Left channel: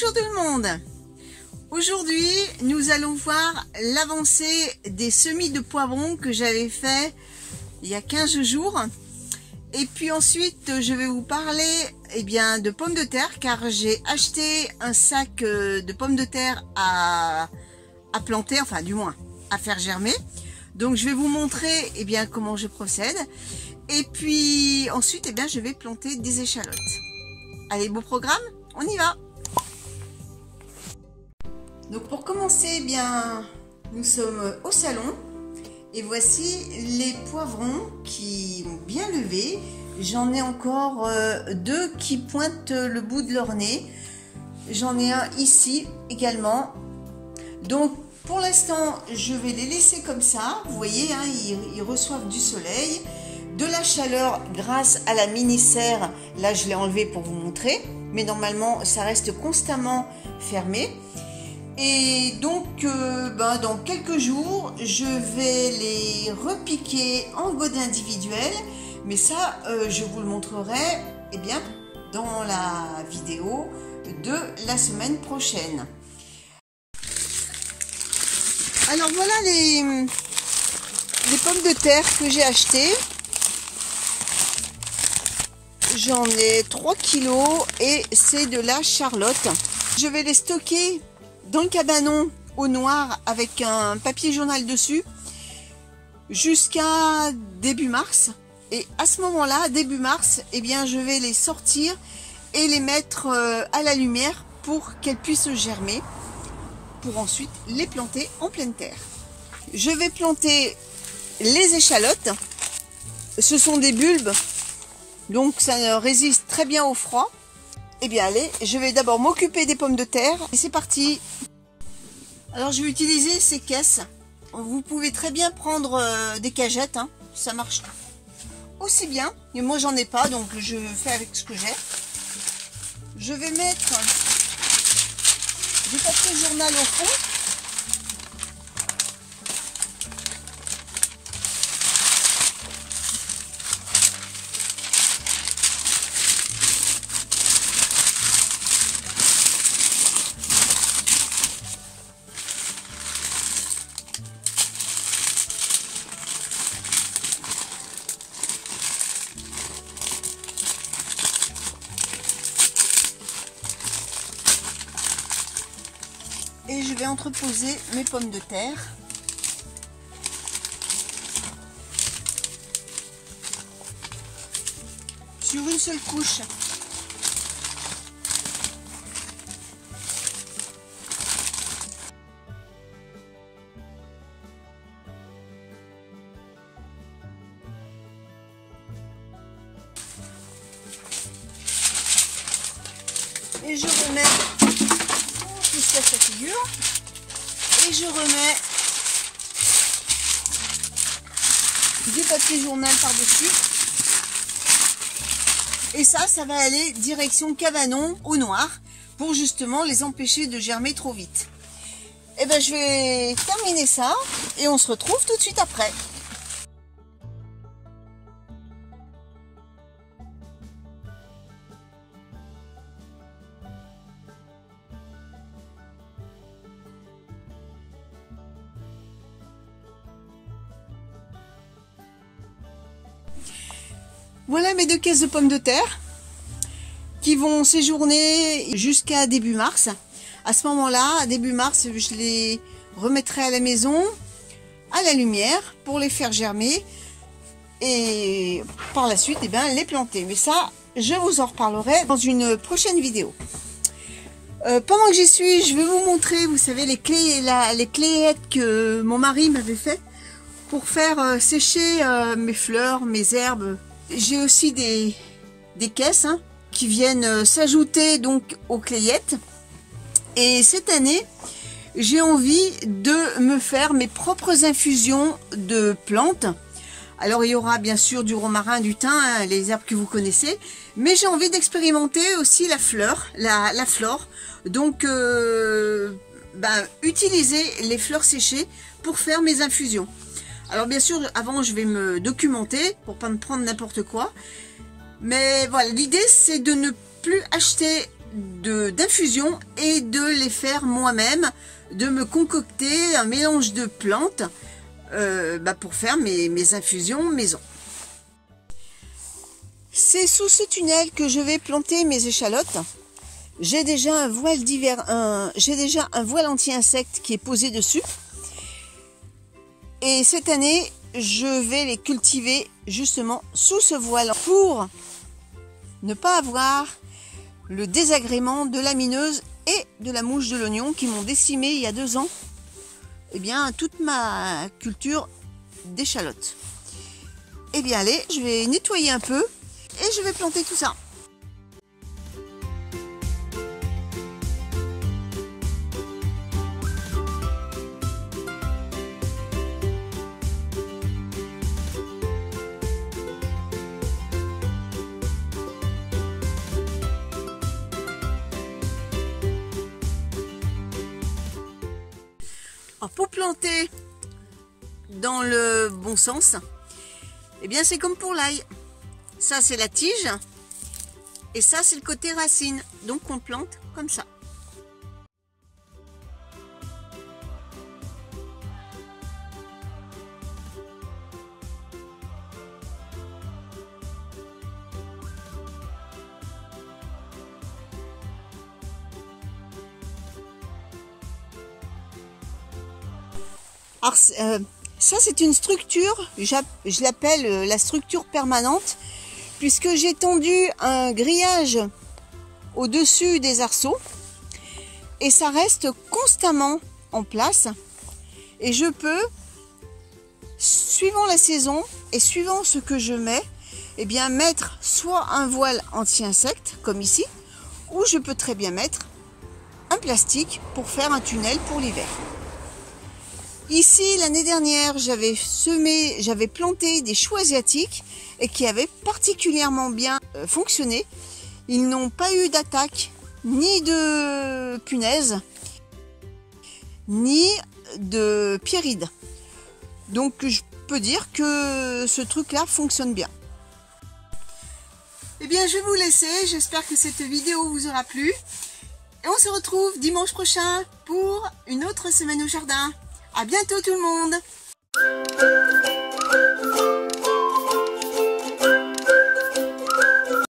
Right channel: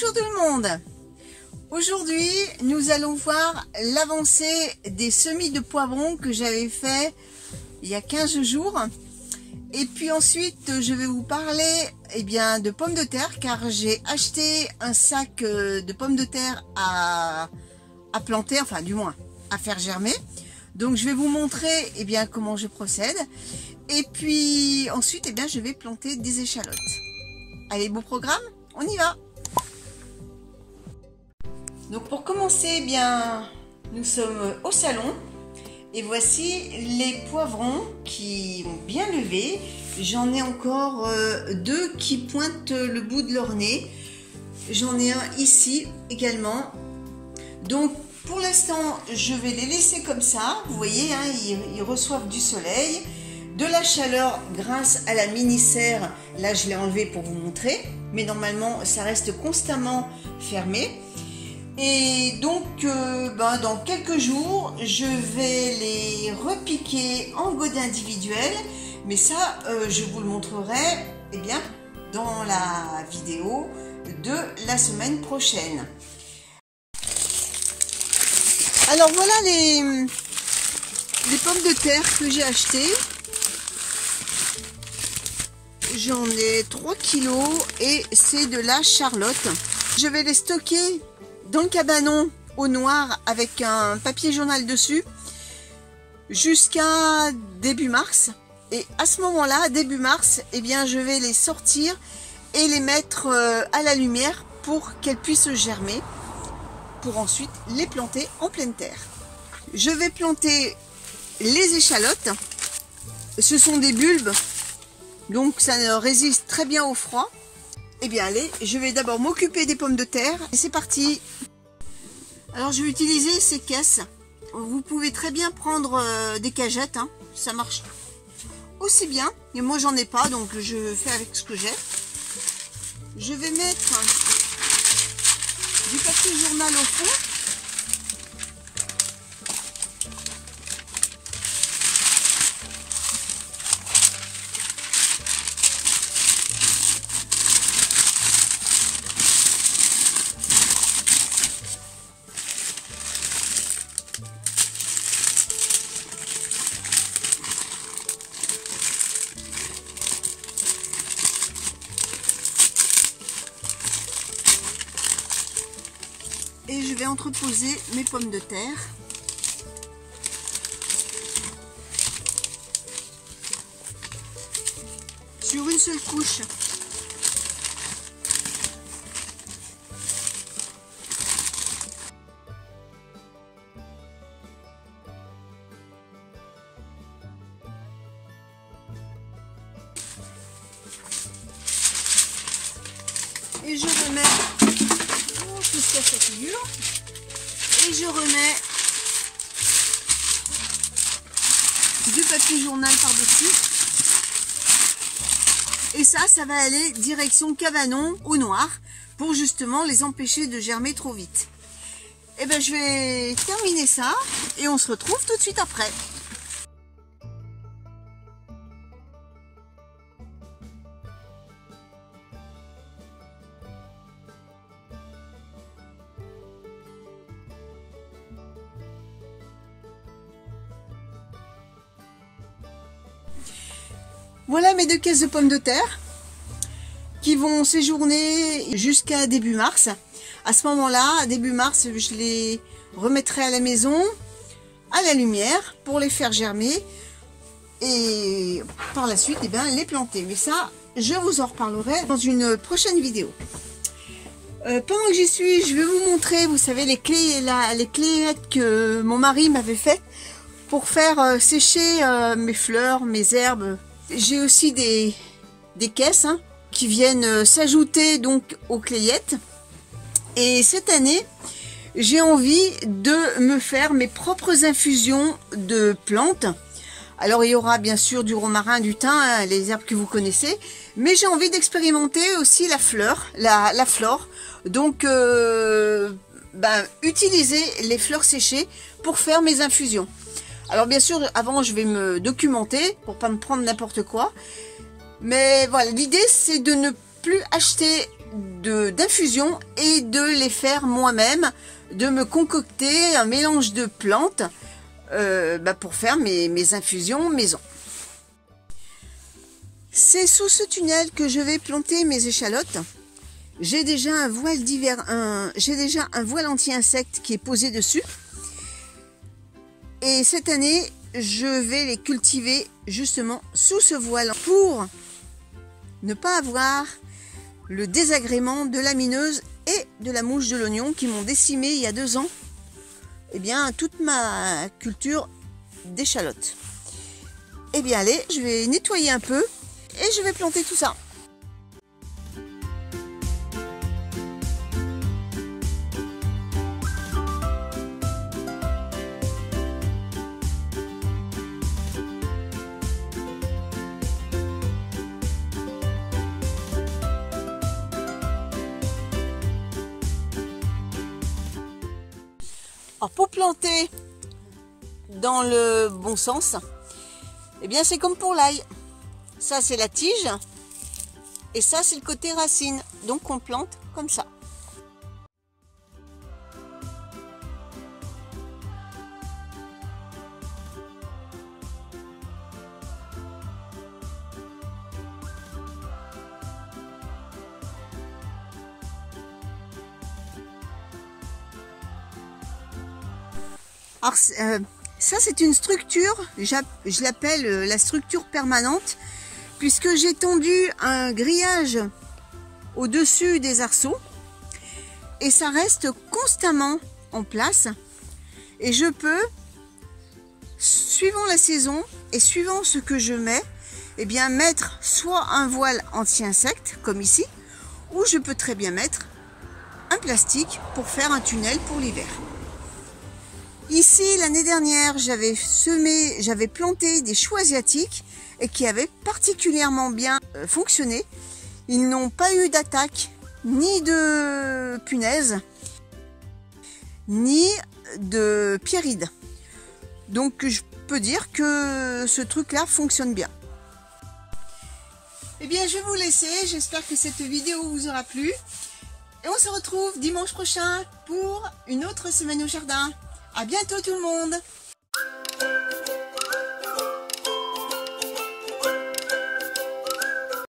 Bonjour tout le monde. Aujourd'hui, nous allons voir l'avancée des semis de poivrons que j'avais fait il y a 15 jours. Et puis ensuite, je vais vous parler de pommes de terre car j'ai acheté un sac de pommes de terre à planter, enfin du moins à faire germer. Donc je vais vous montrer comment je procède. Et puis ensuite, je vais planter des échalotes. Allez, beau programme, on y va. Donc pour commencer, nous sommes au salon et voici les poivrons qui ont bien levé. J'en ai encore deux qui pointent le bout de leur nez. J'en ai un ici également. Donc pour l'instant, je vais les laisser comme ça. Vous voyez, ils reçoivent du soleil, de la chaleur grâce à la mini-serre. Là, je l'ai enlevé pour vous montrer. Mais normalement, ça reste constamment fermé. Et donc, dans quelques jours, je vais les repiquer en godin individuel. Mais ça, je vous le montrerai dans la vidéo de la semaine prochaine. Alors voilà les pommes de terre que j'ai achetées. J'en ai 3 kilos et c'est de la Charlotte. Je vais les stocker dans le cabanon au noir avec un papier journal dessus jusqu'à début mars. Et à ce moment-là, début mars, je vais les sortir et les mettre à la lumière pour qu'elles puissent germer, pour ensuite les planter en pleine terre. Je vais planter les échalotes. Ce sont des bulbes, donc ça résiste très bien au froid. Allez, je vais d'abord m'occuper des pommes de terre et c'est parti. Alors je vais utiliser ces caisses. Vous pouvez très bien prendre des cagettes, ça marche aussi bien. Mais moi j'en ai pas, donc je fais avec ce que j'ai. Je vais mettre du papier journal au fond. Et je vais entreposer mes pommes de terre. Sur une seule couche. Et je remets jusqu'à sa figure. Et je remets du papier journal par-dessus. Et ça va aller direction cabanon au noir pour justement les empêcher de germer trop vite. Je vais terminer ça et on se retrouve tout de suite après. Voilà mes 2 caisses de pommes de terre qui vont séjourner jusqu'à début mars. À ce moment-là, début mars, je les remettrai à la maison, à la lumière, pour les faire germer et par la suite, les planter. Mais ça, je vous en reparlerai dans une prochaine vidéo. Pendant que j'y suis, je vais vous montrer, vous savez, les clayettes que mon mari m'avait fait pour faire sécher mes fleurs, mes herbes. J'ai aussi des caisses qui viennent s'ajouter donc aux clayettes. Et cette année, j'ai envie de me faire mes propres infusions de plantes. Alors il y aura bien sûr du romarin, du thym, les herbes que vous connaissez. Mais j'ai envie d'expérimenter aussi la fleur. Donc utiliser les fleurs séchées pour faire mes infusions. Alors bien sûr, avant je vais me documenter pour pas me prendre n'importe quoi. Mais voilà, l'idée c'est de ne plus acheter d'infusion et de les faire moi-même, de me concocter un mélange de plantes pour faire mes infusions maison. C'est sous ce tunnel que je vais planter mes échalotes. J'ai déjà un voile un voile anti-insectes qui est posé dessus. Et cette année, je vais les cultiver justement sous ce voile pour ne pas avoir le désagrément de la mineuse et de la mouche de l'oignon qui m'ont décimé il y a 2 ans, toute ma culture d'échalotes. Eh bien allez, je vais nettoyer un peu et je vais planter tout ça. Alors pour planter dans le bon sens, c'est comme pour l'ail. Ça c'est la tige et ça c'est le côté racine. Donc on plante comme ça. Alors, ça c'est une structure, je l'appelle la structure permanente, puisque j'ai tendu un grillage au-dessus des arceaux et ça reste constamment en place. Et je peux, suivant la saison et suivant ce que je mets, mettre soit un voile anti-insectes comme ici, ou je peux très bien mettre un plastique pour faire un tunnel pour l'hiver. Ici, l'année dernière, j'avais planté des choux asiatiques et qui avaient particulièrement bien fonctionné. Ils n'ont pas eu d'attaque, ni de punaises, ni de pierrides. Donc, je peux dire que ce truc-là fonctionne bien. Eh bien, je vais vous laisser. J'espère que cette vidéo vous aura plu. Et on se retrouve dimanche prochain pour une autre semaine au jardin. À bientôt tout le monde!